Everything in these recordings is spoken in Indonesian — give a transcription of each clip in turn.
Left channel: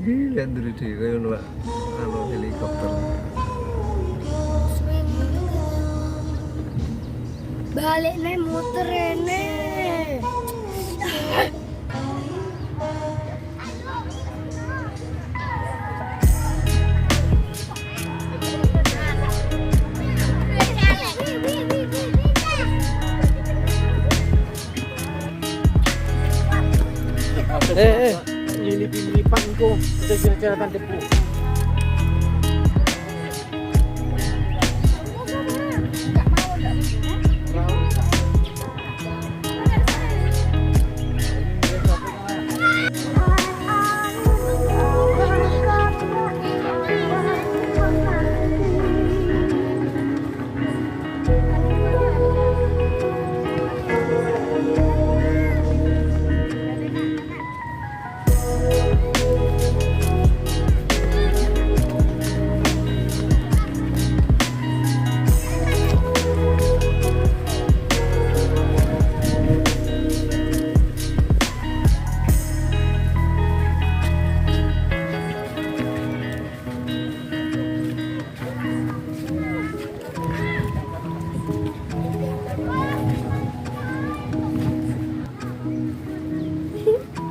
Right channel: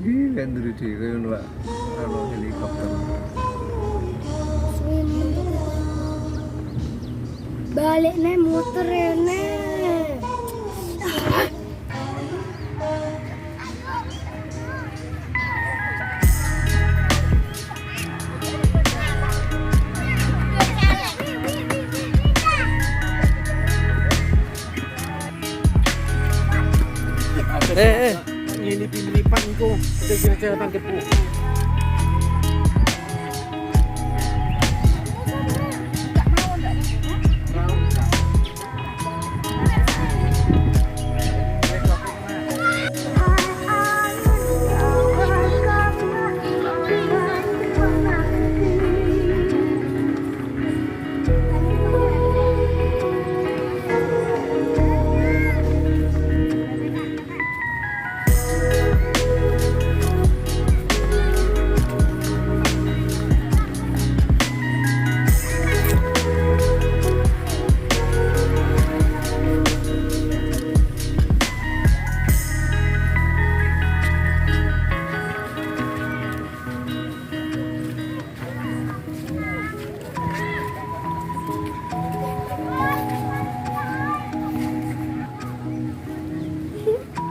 Gila nduri dhewe ngono Pak. Ano helikopter. Balik nih motor ini. Lilip-lilipan ko. Ito sinasarapan debu.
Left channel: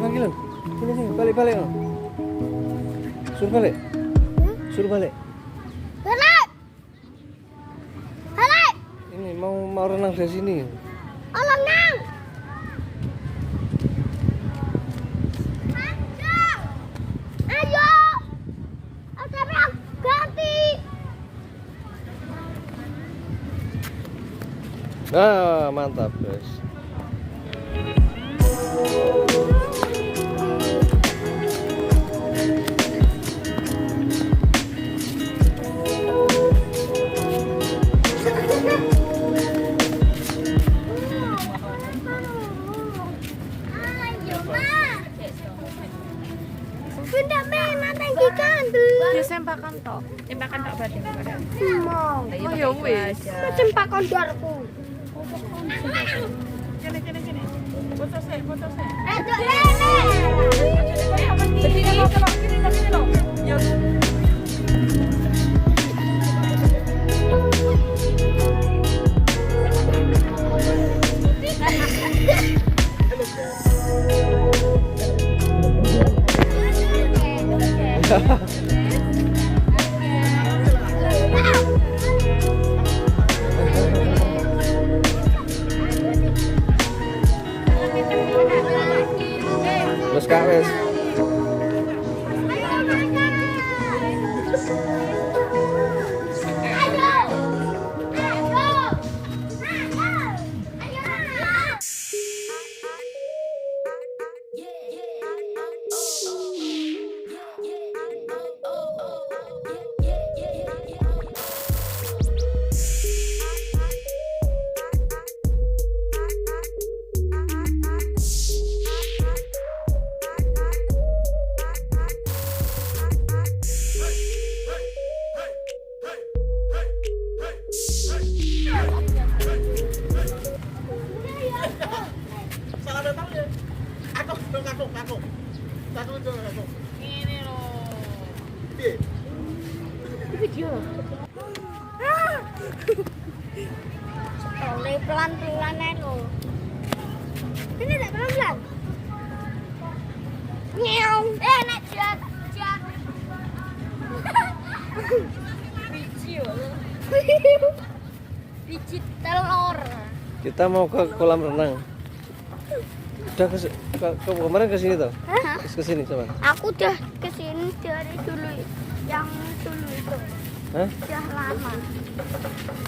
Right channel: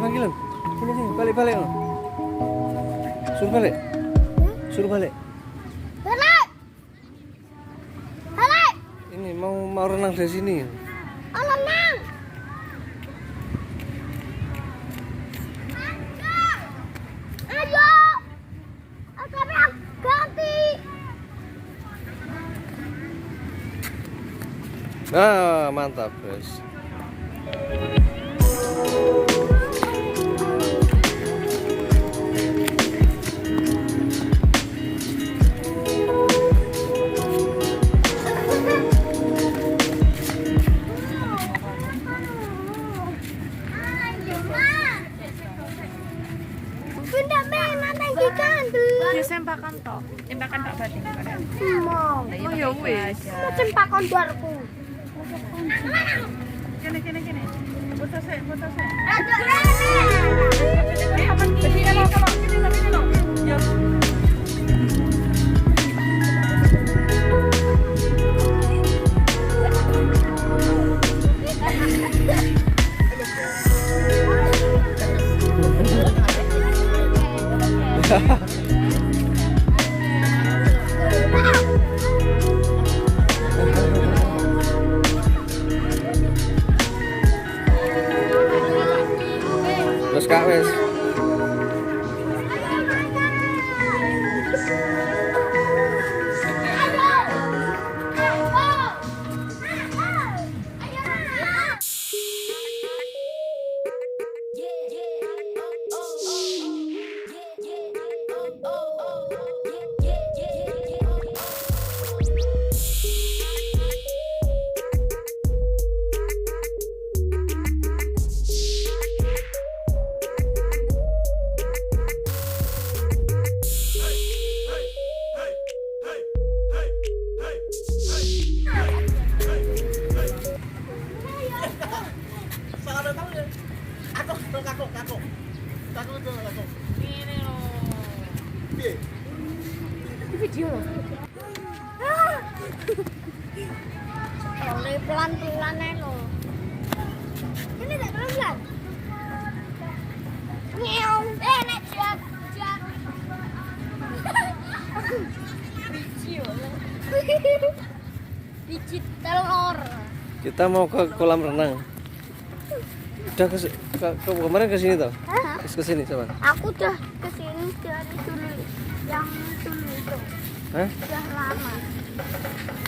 Panggil lo. Sini balik lo. Suruh balik. Suruh balik. Balik. Balik. Ini mau renang dari sini. Oh, renang. Ayo. Tapi aku ganti. Nah, mantap, guys. Bunda main tinggikan dulu. Sempakan tok. Sempakan tok berarti. Mau. Oh ya wis. Cempak kondorku. Kene. Foto saya. Aduh, nenek. Begini lo kalau sini lo. Yo. Terus Kak wes. Ini lo. Video. Oleh pelan-pelan aja lo. Ini tak pelan-pelan. Ngeong. Nek jak. Video lo. Biji telur. Kita mau ke kolam renang. Udah kemarin ke sini toh? Terus ke sini coba. Aku udah kesini dari dulu yang dulu itu. Hah? Yang lama.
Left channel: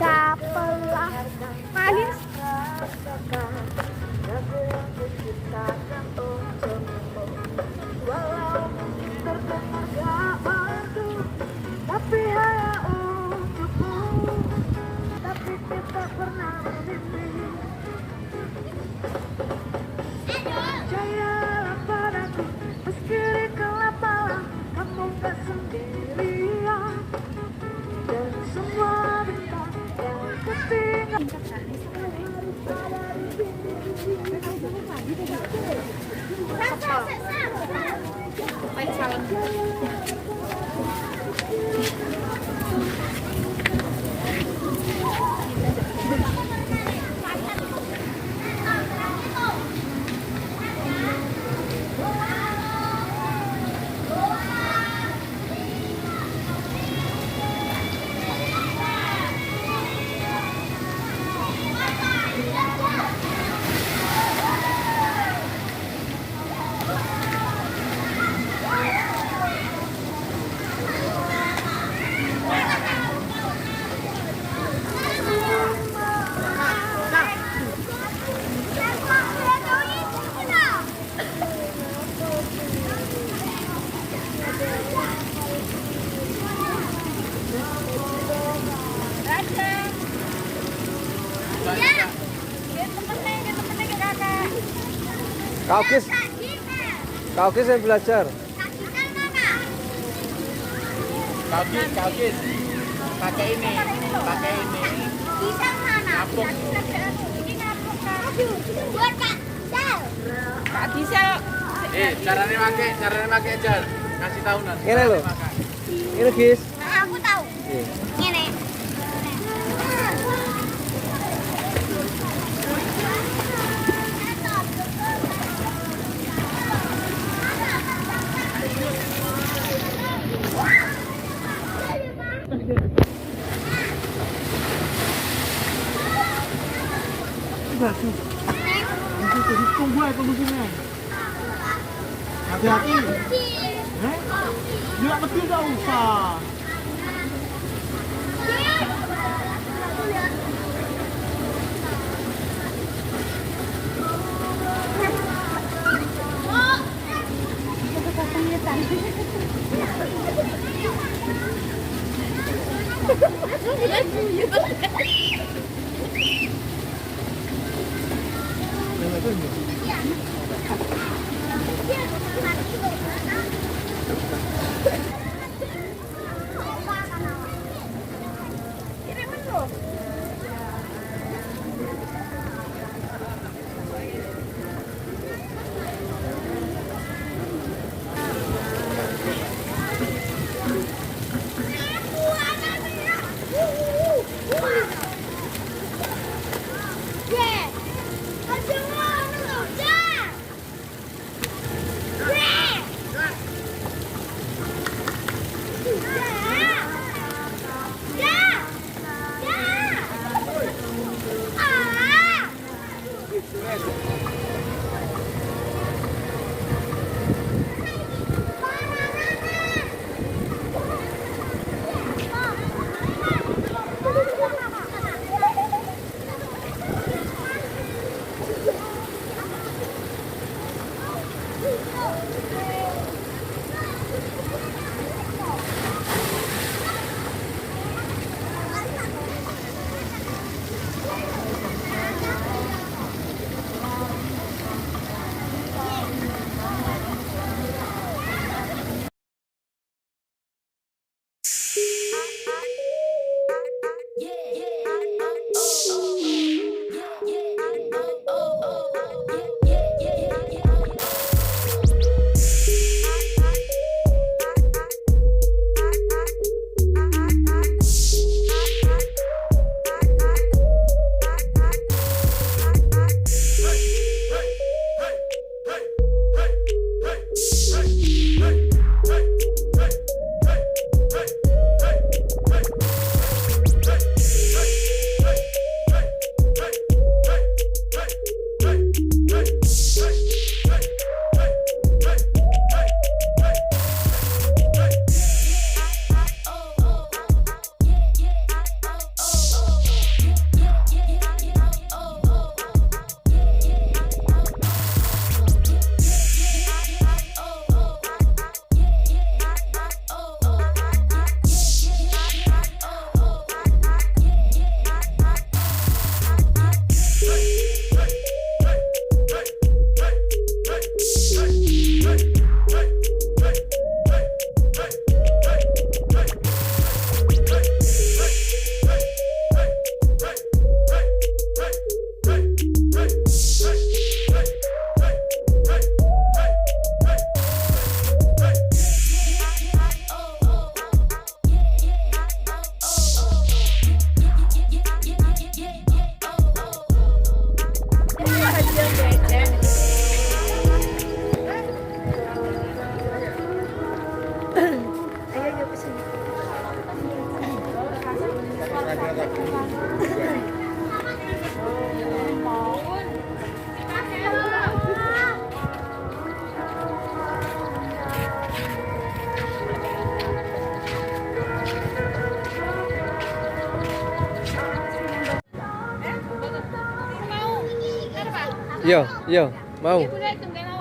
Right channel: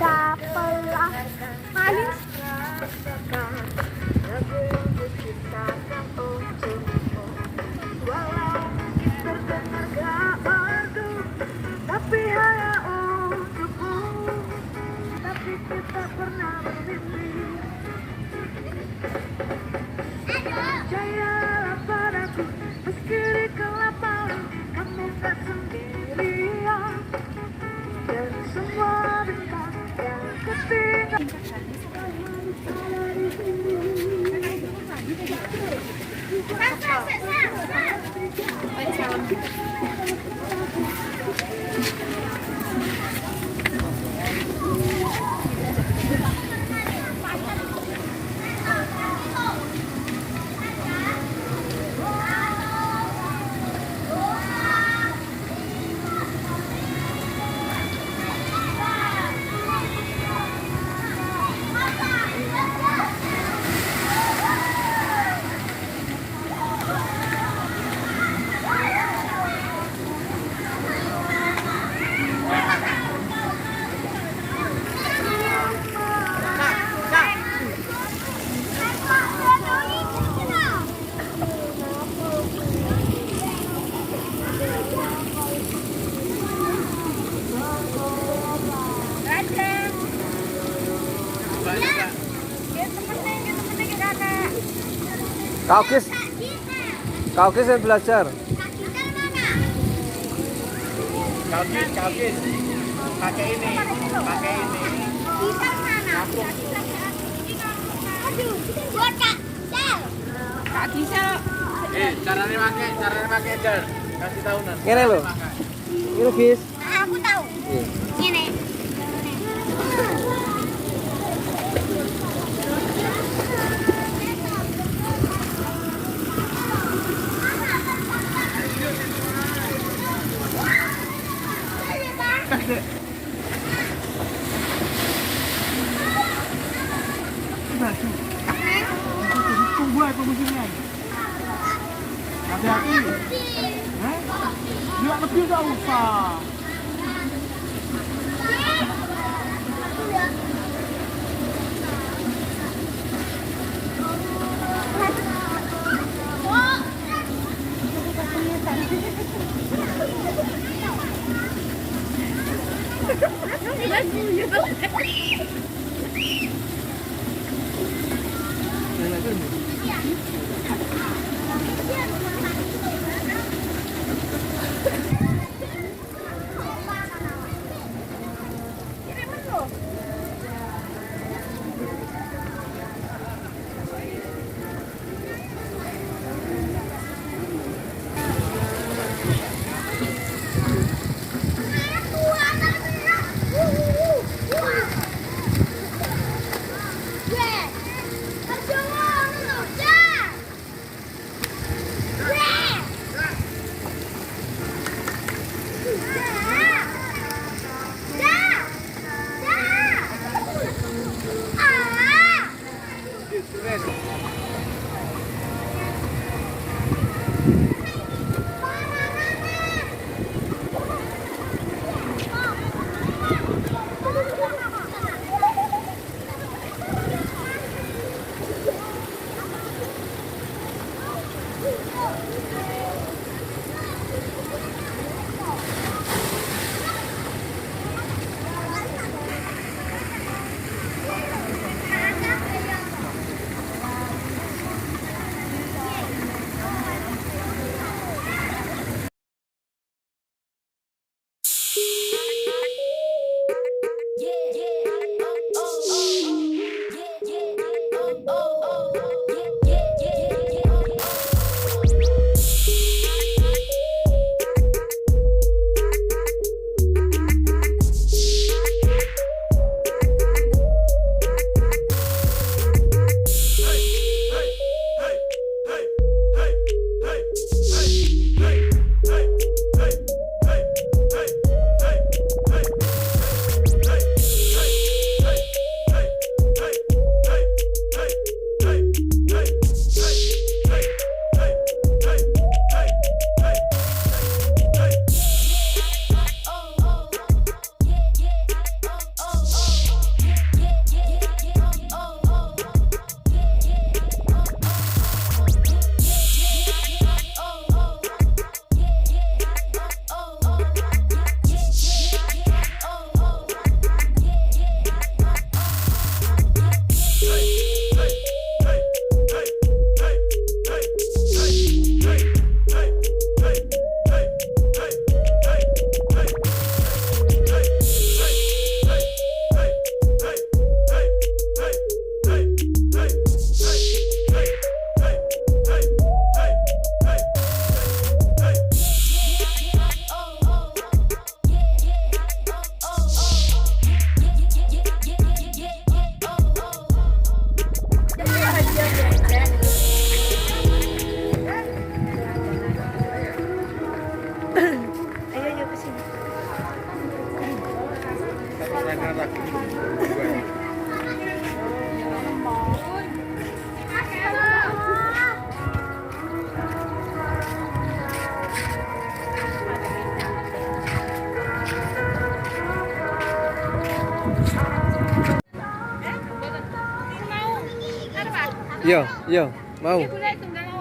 Setelah manis. Kau kis yang belajar. Kakek ini. Bisa mana? Aduh, buat Kak. Gak bisa. Caranya pakai aja. Kasih tahu nanti. Ini lo. Ini kis. Nah, aku tahu. Ini. Tunggu sini. Hati-hati. Dia kecil gak usah. Yes. Aduh, nonton. Yo, yo, mau. Boleh tunggal